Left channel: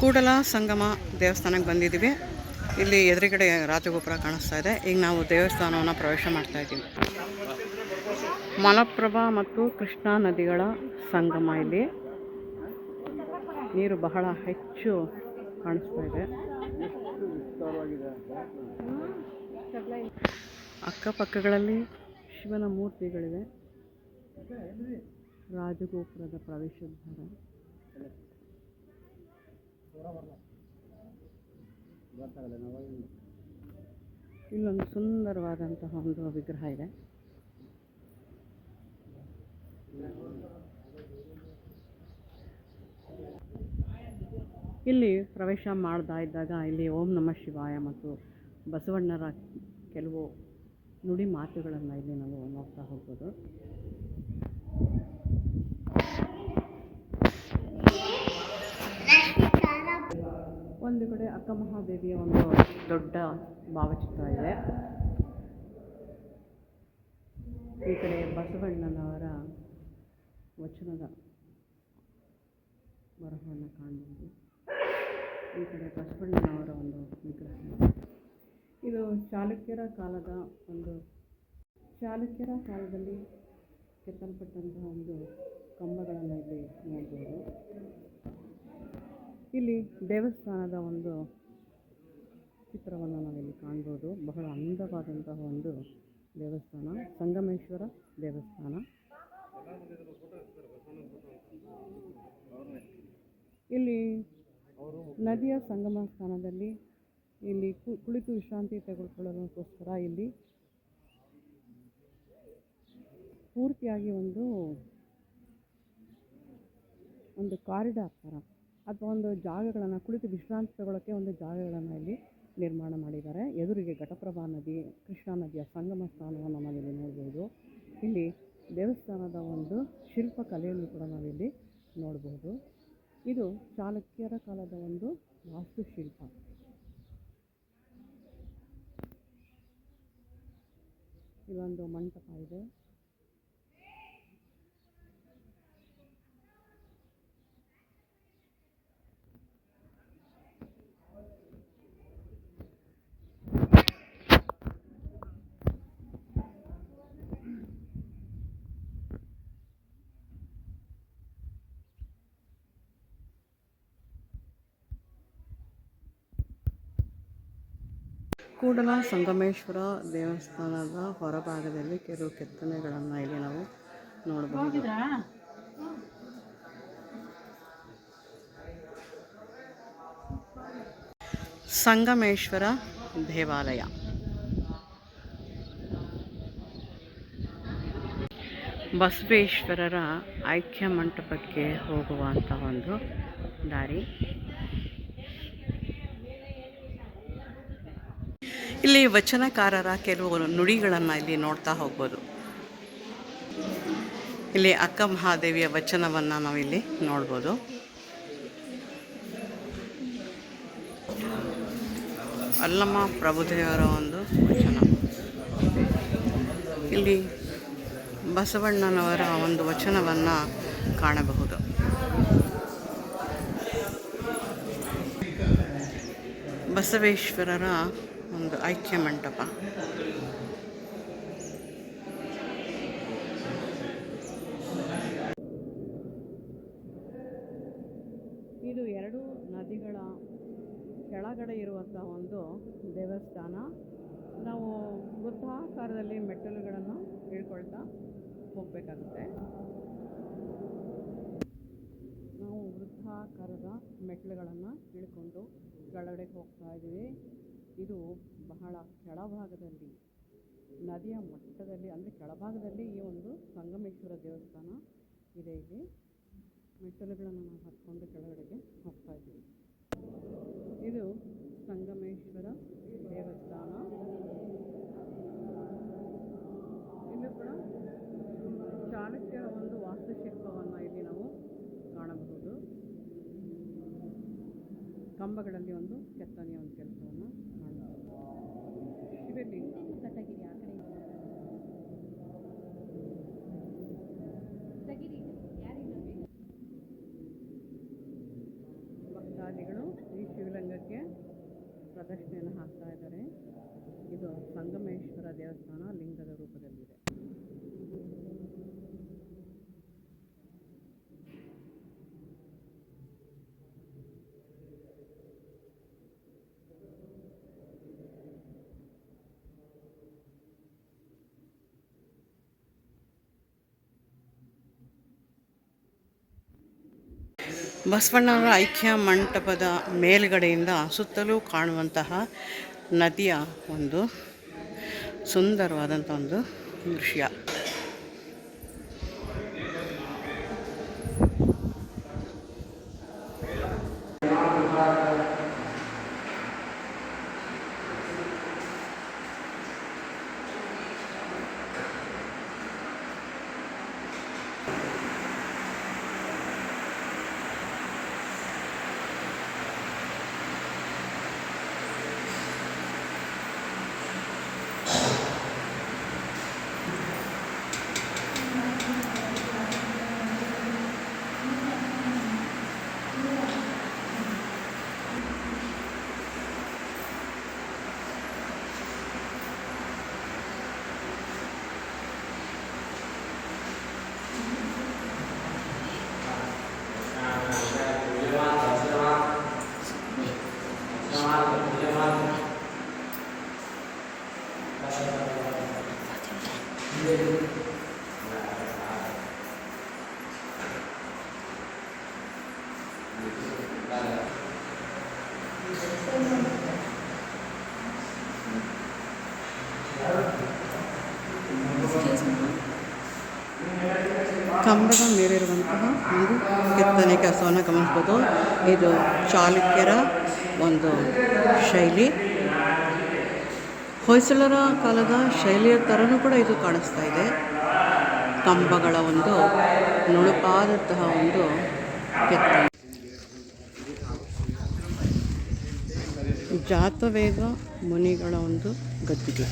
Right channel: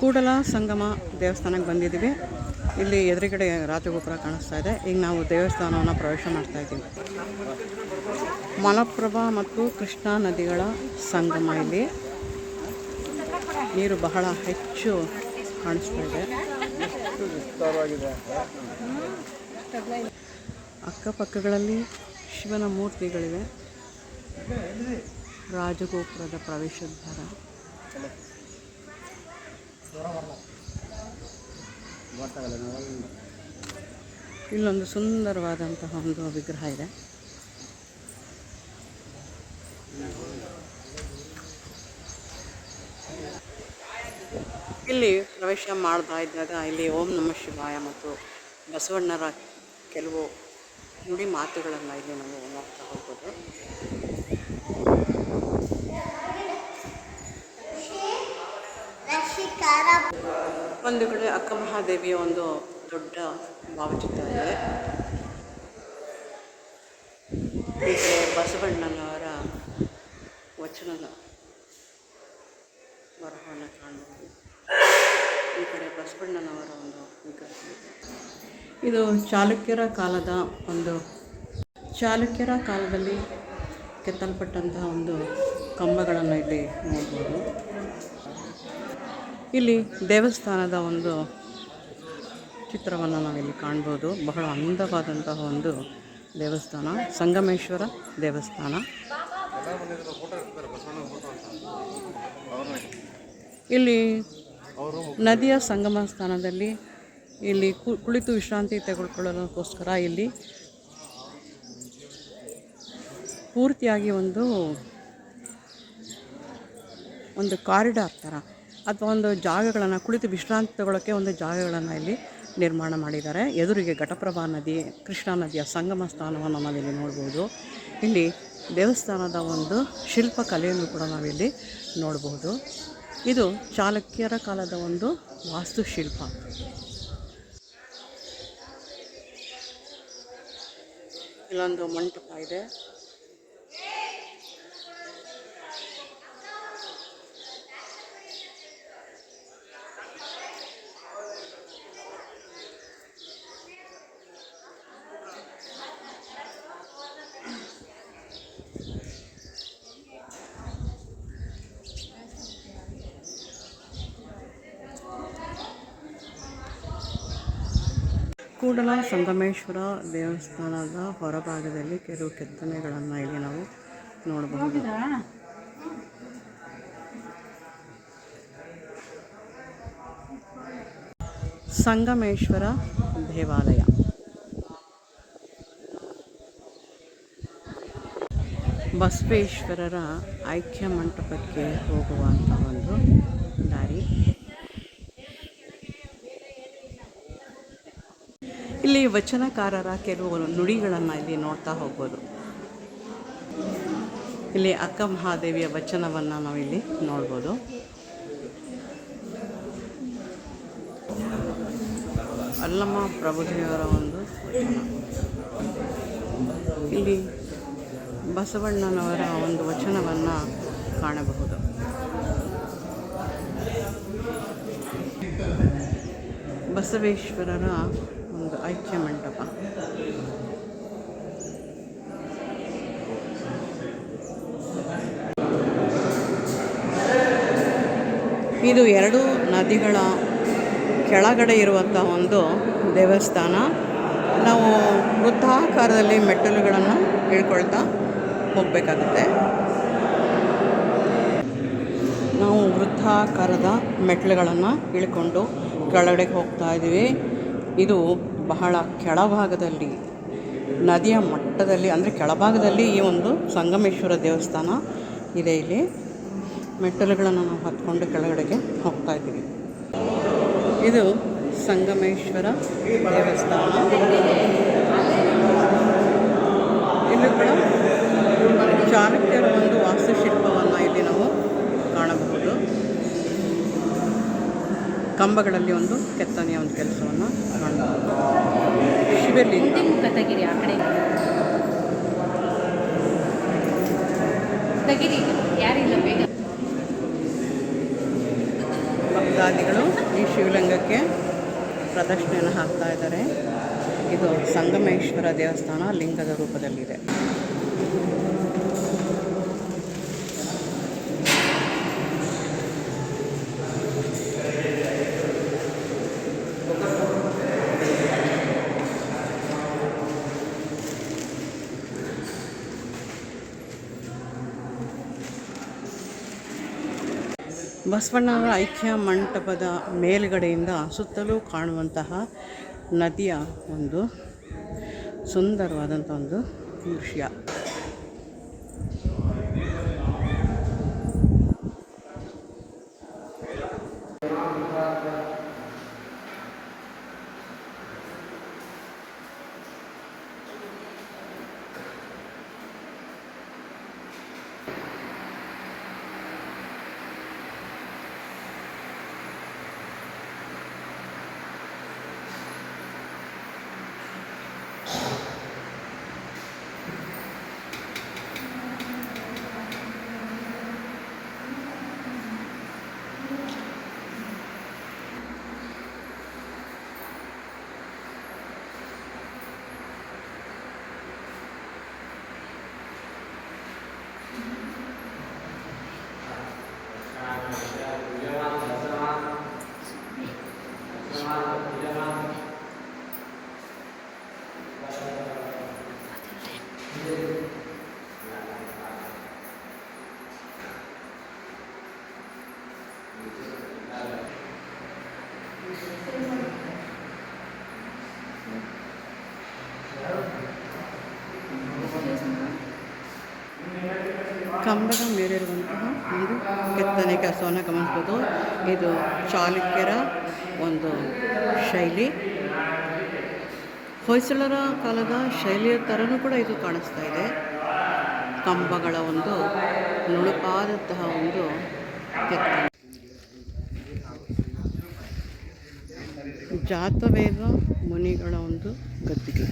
ಕೂಡಲ ಸಂಗಮ ದೇವಸ್ಥಾನಕ್ಕೆ ಬಂದಿದ್ದೀವಿ. ಇಲ್ಲಿ ಎದುರುಗಡೆ ರಾಜಗೋಪುರ ಕಾಣಿಸ್ತಾ ಇದೆ. ಈಗ ನಾವು ದೇವಸ್ಥಾನವನ್ನು ಪ್ರವೇಶ ಮಾಡ್ತಾ ಇದ್ದೀವಿ. ಮಲಪ್ರಭಾ ಮತ್ತು ಕೃಷ್ಣಾ ನದಿಗಳ ಸಂಗಮ. ಇಲ್ಲಿ ನೀರು ಬಹಳ ಹೆಚ್ಚು ಕಾಣಿಸ್ತಾ ಇದೆ. ಅಕ್ಕಪಕ್ಕಗಳಲ್ಲಿ ಶಿವನ ಮೂರ್ತಿಗಳಿವೆ. ರಾಜಗೋಪುರದ ಪ್ರವೇಶದ್ವಾರ. ಇಲ್ಲೊಂದು ಸುಂದರವಾದಂತಹ ಒಂದು ವಿಗ್ರಹ ಇದೆ. ಇಲ್ಲಿ ಪ್ರವೇಶ ಮಾಡ್ತಾ ಇದ್ದಾಗ ಇಲ್ಲಿ ಓಂ ನಮಃ ಶಿವಾಯ ಮತ್ತು ಬಸವಣ್ಣರ ಕೆಲವು ನುಡಿ ಮಾತುಗಳನ್ನು ಇಲ್ಲಿ ನಾವು ನೋಡ್ತಾ ಹೋಗ್ಬೋದು. ಒಂದು ಕಡೆ ಅಕ್ಕ ಮಹಾದೇವಿಯ ಒಂದು ದೊಡ್ಡ ಭಾವಚಿತ್ರ ಇದೆ. ಈ ಕಡೆ ಬಸವಣ್ಣನವರ ವಚನದ ಬರಹವನ್ನು ಕಾಣಬಹುದು. ಈ ಕಡೆ ಬಸವಣ್ಣನವರ ಒಂದು ವಿಗ್ರಹ. ಇದು ಚಾಲುಕ್ಯರ ಕಾಲದಲ್ಲಿ ಕೆತ್ತಲ್ಪಟ್ಟಂತಹ ಒಂದು ಕಂಬಗಳನ್ನು ಇಲ್ಲಿ ನೋಡ್ಬೋದು. ಇಲ್ಲಿ ದೇವಸ್ಥಾನದ ಒಂದು ಚಿತ್ರವನ್ನು ನಾವಿಲ್ಲಿ ಕಾಣ್ಬೋದು. ಬಹಳ ಅಂದವಾದಂತಹ ಒಂದು ದೇವಸ್ಥಾನ, ಸಂಗಮೇಶ್ವರ ದೇವಸ್ಥಾನ. ಇಲ್ಲಿ ನದಿಯ ಸಂಗಮ ಸ್ಥಾನದಲ್ಲಿ ಇಲ್ಲಿ ಕುಳಿತು ವಿಶ್ರಾಂತಿ ತೆಗೆದುಕೊಳ್ಳೋದಕ್ಕೋಸ್ಕರ ಇಲ್ಲಿ ಪೂರ್ತಿಯಾಗಿ ಒಂದು ಕಾರಿಡಾರ್ ಥರ ಅಥವಾ ಒಂದು ಜಾಗಗಳನ್ನು, ಕುಳಿತು ವಿಶ್ರಾಂತಿ ತಗೊಳ್ಳೋಕ್ಕೆ ಒಂದು ಜಾಗಗಳನ್ನು ಇಲ್ಲಿ ನಿರ್ಮಾಣ ಮಾಡಿದ್ದಾರೆ. ಎದುರಿಗೆ ಘಟಪ್ರಭಾ ನದಿ, ಕೃಷ್ಣಾ ನದಿಯ ಸಂಗಮ ಸ್ಥಾನವನ್ನು ನಾವಿಲ್ಲಿ ನೋಡ್ಬೋದು. ಇಲ್ಲಿ ದೇವಸ್ಥಾನದ ಒಂದು ಶಿಲ್ಪಕಲೆಯನ್ನು ಕೂಡ ನಾವಿಲ್ಲಿ ನೋಡಬಹುದು. ಇದು ಚಾಲುಕ್ಯರ ಕಾಲದ ಒಂದು ವಾಸ್ತುಶಿಲ್ಪ. ಇಲ್ಲೊಂದು ಮಂಟಪ ಇದೆ. ಕೂಡಲ ಸಂಗಮೇಶ್ವರ ದೇವಸ್ಥಾನದ ಹೊರಭಾಗದಲ್ಲಿ ಕೆಲವು ಕೆತ್ತನೆಗಳನ್ನು ಇಲ್ಲಿ ನಾವು ನೋಡಬಹುದು. ಸಂಗಮೇಶ್ವರ ದೇವಾಲಯ. ಬಸವೇಶ್ವರರ ಐಕ್ಯ ಮಂಟಪಕ್ಕೆ ಹೋಗುವಂಥ ಒಂದು ದಾರಿ. ಇಲ್ಲಿ ವಚನಕಾರರ ಕೆಲವು ನುಡಿಗಳನ್ನು ಇಲ್ಲಿ ನೋಡ್ತಾ ಹೋಗ್ಬೋದು. ಇಲ್ಲಿ ಅಕ್ಕ ಮಹಾದೇವಿಯ ವಚನವನ್ನು ನಾವಿಲ್ಲಿ ನೋಡ್ಬೋದು. ಅಲ್ಲಮ್ಮ ಪ್ರಭುದೇವರ ಒಂದು ವಚನ. ಇಲ್ಲಿ ಬಸವಣ್ಣನವರ ಒಂದು ವಚನವನ್ನು ಕಾಣಬಹುದು. ಬಸವೇಶ್ವರರ ಒಂದು ಐಕ್ಯ ಮಂಟಪ. ಇದು ಎರಡು ನದಿಗಳ ಕೆಳಗಡೆ ಇರುವಂಥ ಒಂದು ದೇವಸ್ಥಾನ. ನಾವು ವೃತ್ತಾಕಾರದಲ್ಲಿ ಮೆಟ್ಟಿಲುಗಳನ್ನು ಇಳ್ಕೊಳ್ತಾ ಹೋಗಬೇಕಾಗುತ್ತೆ. ನಾವು ವೃತ್ತಾಕಾರದ ಮೆಟ್ಟಿಲುಗಳನ್ನು ಇಳ್ಕೊಂಡು ಕೆಳಗಡೆಗೆ ಹೋಗ್ತಾ ಇದ್ದೀವಿ. ಇದು ಬಹಳ ಕೆಳಭಾಗದಲ್ಲಿ, ನದಿಯ ಮಟ್ಟದಲ್ಲಿ, ಅಂದರೆ ಕೆಳಭಾಗದಲ್ಲಿ ಈ ಒಂದು ಸಂಗಮೇಶ್ವರ ದೇವಸ್ಥಾನ ಇದೆ. ಇಲ್ಲಿ ಮೆಟ್ಟಿಲುಗಳನ್ನು ನಾವು ಹತ್ಕೊಂಡು ಕೆಳಗಡೆಗೆ ಹೋಗ್ತಾ ಇದ್ದೀವಿ. ಇದು ಸಂಗಮೇಶ್ವರ ದೇವಸ್ಥಾನ. ಇಲ್ಲಿ ಕೂಡ ಚಾಲುಕ್ಯರ ಒಂದು ವಾಸ್ತುಶಿಲ್ಪವನ್ನು ಇಲ್ಲಿ ನಾವು ಕಾಣಬಹುದು. ಕಂಬಗಳಲ್ಲಿ ಒಂದು ಕೆತ್ತನೆಯ ಒಂದು ಕೆಲಸವನ್ನು ಕಾಣಬಹುದು. ಶಿವಲಿಂಗ. ಭಕ್ತಾದಿಗಳು ಭಕ್ತಾದಿಗಳು ಈ ಶಿವಲಿಂಗಕ್ಕೆ ಪ್ರದಕ್ಷಿಣೆಯನ್ನು ಹಾಕ್ತಾ ಇದ್ದಾರೆ. ಇದು ಸಂಗಮೇಶ್ವರ ದೇವಸ್ಥಾನ ಲಿಂಗದ ರೂಪದಲ್ಲಿದೆ. ಬಸವಣ್ಣನವರ ಐಕ್ಯ ಮಂಟಪದ ಮೇಲುಗಡೆಯಿಂದ ಸುತ್ತಲೂ ಕಾಣುವಂತಹ ನದಿಯ ಒಂದು ಸುಂದರವಾದಂಥ ಒಂದು ದೃಶ್ಯ. ಕಂಬದ ಮೇಲಿರುವಂತಹ ಒಂದು ಕೆತ್ತನೆ ಕೆಲಸವನ್ನು ಗಮನಿಸ್ಬೋದು. ಇದು ಚಾಲುಕ್ಯರ ಒಂದು ಶೈಲಿ, ಹೊಯ್ಸಳರ ಕಾಲದ ಶೈಲಿಯ ಥರನೂ ಕೂಡ ಇದು ಕಾಣಿಸ್ತಾ ಇದೆ. ಕಂಬಗಳ ಒಂದು ನುಣುಪಾದಂತಹ ಒಂದು ಕೆತ್ತನೆ. ಜಾತವೇದ ಮುನಿಗಳ ಒಂದು ಗದ್ದಿಗೆ.